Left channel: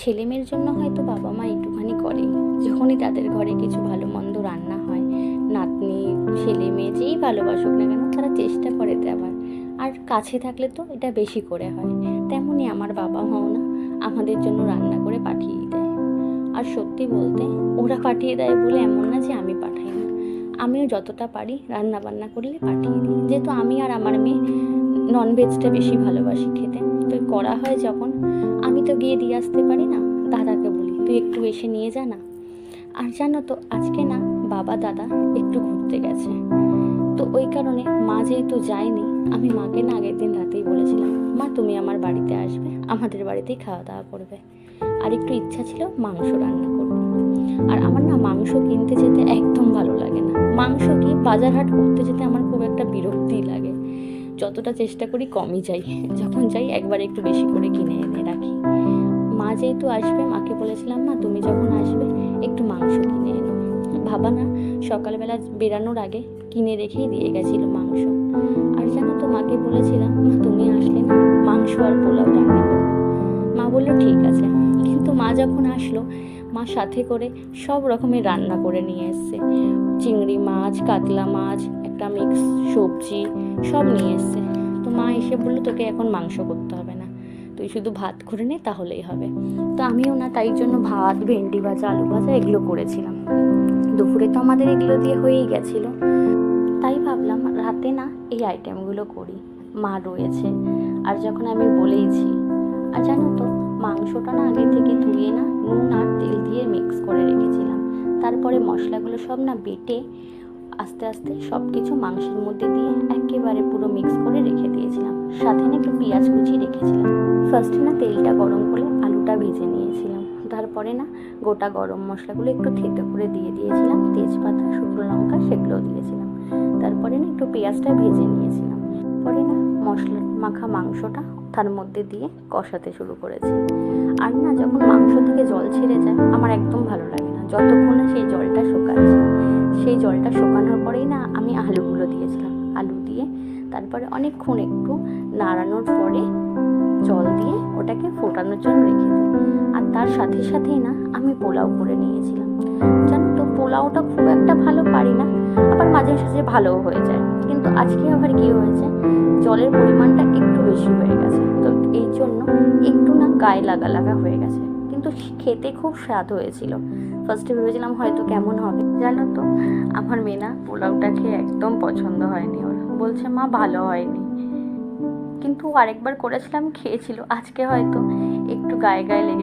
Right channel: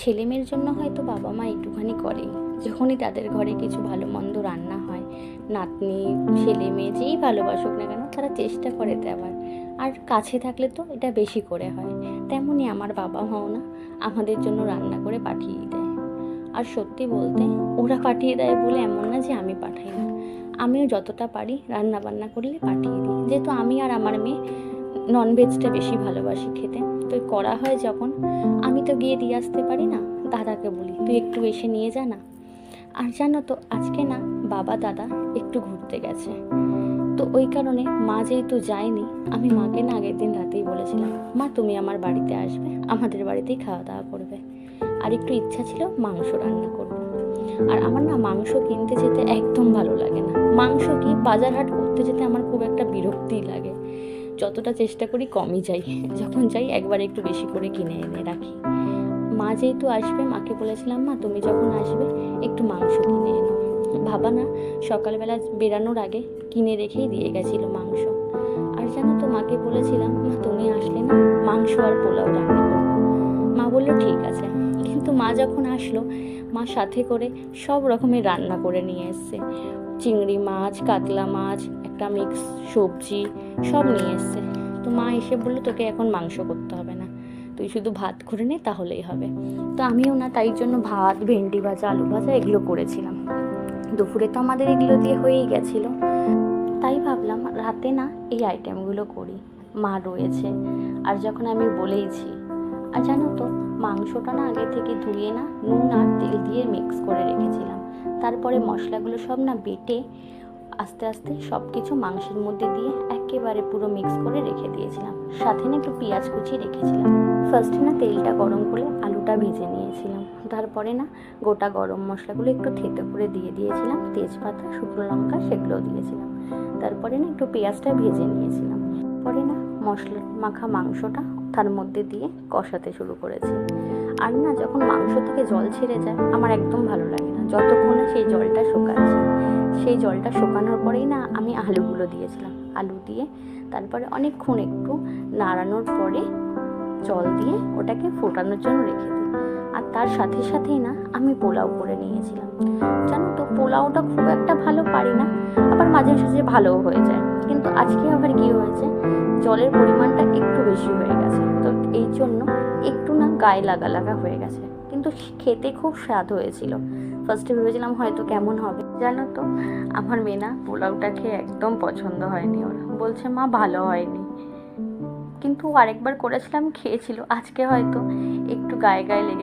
ছেলে মেয়ের জন্য হয়তো বাবা মা একটুখানি করে, যখনই তাদের ঘরে কিছু ভালো মন্দ রান্না হয়, নাতনি ছেলে মেয়ে যেই ভালোবাসুক না কেন তারা চেষ্টা করে দেওয়ার। আর কাছে থাকলে তো এটা বেশি করে হয়। তেমনই আমার বাবা মাও না আমাদের জন্য রান্না করে পাঠিয়ে দেয়। আর সত্যি বলতে, ওরা পাঠিয়ে দেয় বলে এমন না যে আমি পাঠাই না, আমিও যতটা পারি রান্না বান্না করলে পাঠিয়ে দিই। যেহেতু আমি আর আমার মেয়ে ননভেজটা বেশি ভালোবাসি খেতে, তো করা হয় যখন, আমি তো গিয়ে দিয়ে আসতে পারি না, দাদাকে বলি তুই একটু এসে নিয়ে যা না। আর জানো তো, আজকে না বাবা দাদা একটু ঘুরতে গেছে, তো ওই কারণে মা যেহেতু যায়নি, আমি মাকে না আগের দিন রাতেই বলেছিলাম, মা তুমি আমার বাড়িতে আসবে, আমাদের বাড়িতেই খাওয়া দাওয়া করবে। আর একটু ইচ্ছা ছিল মাংস রান্না করবো। আর আমার না মাংস কিনতে যেতে একদম ভালো লাগে না, মাংস কি বাজার হাট করতে যেতে আমার খুব একটা বিরক্তিই লাগে। যতটা চেষ্টা করি কমই যাই, যখন যাই একবার একটু বেশি করে কিনে এনে রাখি। মা যেহেতু আসবে, মাকে বলেছিলাম মা তুমি যখন আসবে একটু মাংস কিনে এনো। বাবা না সকালবেলা বেরানোর আগে কিনে রেখেই দিয়ে গেছিলো মাংস। আর জানো তো, মাকে বলেছিলাম মা তুমি আসলে না মাংস আর পোলাও রান্না করবো। মা বললো ঠিক আছে। কিন্তু মা যখন আসলো, মা সাথে করে সব রকমের রান্না করে নিয়ে এসছে, চিংড়ি মাছ, কাতলা মাছ, একটা মিক্স সবজি, সব নিয়ে এসছে। তো মা এসে বললো তোকে এখন মাংস করতে হবে না, তুই শুধু ভাত করে নে তাহলেই হবে। তো আমিও না তাই জন্য ভাত, ভেন্ডি ভাজা, আলু ভাজা এগুলো করেছিলাম। দুপুরে তো আমাদের এগুলো দিয়ে হয়েই গেছিলো, তাই ভাবলাম রাতে না এই আইটেমগুলো করি, মা রয়েছে আর যখন আমি বলেইছি। আর জানো তো, মাংসটা না আগে থেকে ধুয়ে না নুন আর তেল দিয়ে মিক্স করে রেখেছিলাম। তারপরে মশলাগুলো সব না বেটে আস্তে আস্তে সব কিছু মাংসের মধ্যে দিয়ে একেবারে পুরো মিক্স করে রেখে দিয়েছিলাম। সাথে না একটু পেঁয়াজ কুচি রেখেছিলাম। ফার্স্টে না তেলটা গরম করে আলুটা ভেজে নিয়েছিলাম, তারপরে না গোটা গরম মশলাগুলো একটু থেতো করে দিয়ে দিয়েছিলাম, তেজপাতা, শুকনো লঙ্কা সেগুলোও দিয়েছিলাম। তারপরে না একটু পেঁয়াজটা ভেজে নিয়েছিলাম। পরে না মশলা মাখা মাংসটা তার মধ্যে দিয়ে কষাতে শুরু করেছি। আর না যখন মাংস থেকে জল ছেড়ে যায় আমার একদম ভালো লাগে না, যতক্ষণ না সেই জলটা শুকাচ্ছে। সেই জলটা শুকানোর পরেই না আমি আলুগুলো দিয়েছিলাম, আলু দিয়ে তারপরে অনেকক্ষণ একটু নাড়ানোর পরে জল দিয়ে ওটাকে ফোটানোর জন্য রেখে দিই। আর তার সাথে সাথেই না আমি পোলাও করে নিয়েছিলাম। জানো তো, পোলাওটা খুব একটা ভালো পারি না, আবার মাঝে সাঝে ভালোও হয়ে যায়। কিন্তু আজকে আবার কি হয়েছে, জলের পরিমাণটা একটু বেশি হয়ে গেছে, তো এই জন্য একটু না গায়ে লাগা লাগা হয়ে গেছে। কিন্তু খেতে খুব স্বাদ হয়েছিল। ফার্স্টে ভেবেছিলাম হয়তো কেমন হবে, জানো তো আমার মেয়ে না পোলাওটা খেয়ে একদম পছন্দ হয়নি, ওর বলছে মা ভালো হয়নি। কিন্তু আরেকবার করেছিলাম, খেয়েছিল, আজকে হয়তো একটু গায়ে গায়ে লেগে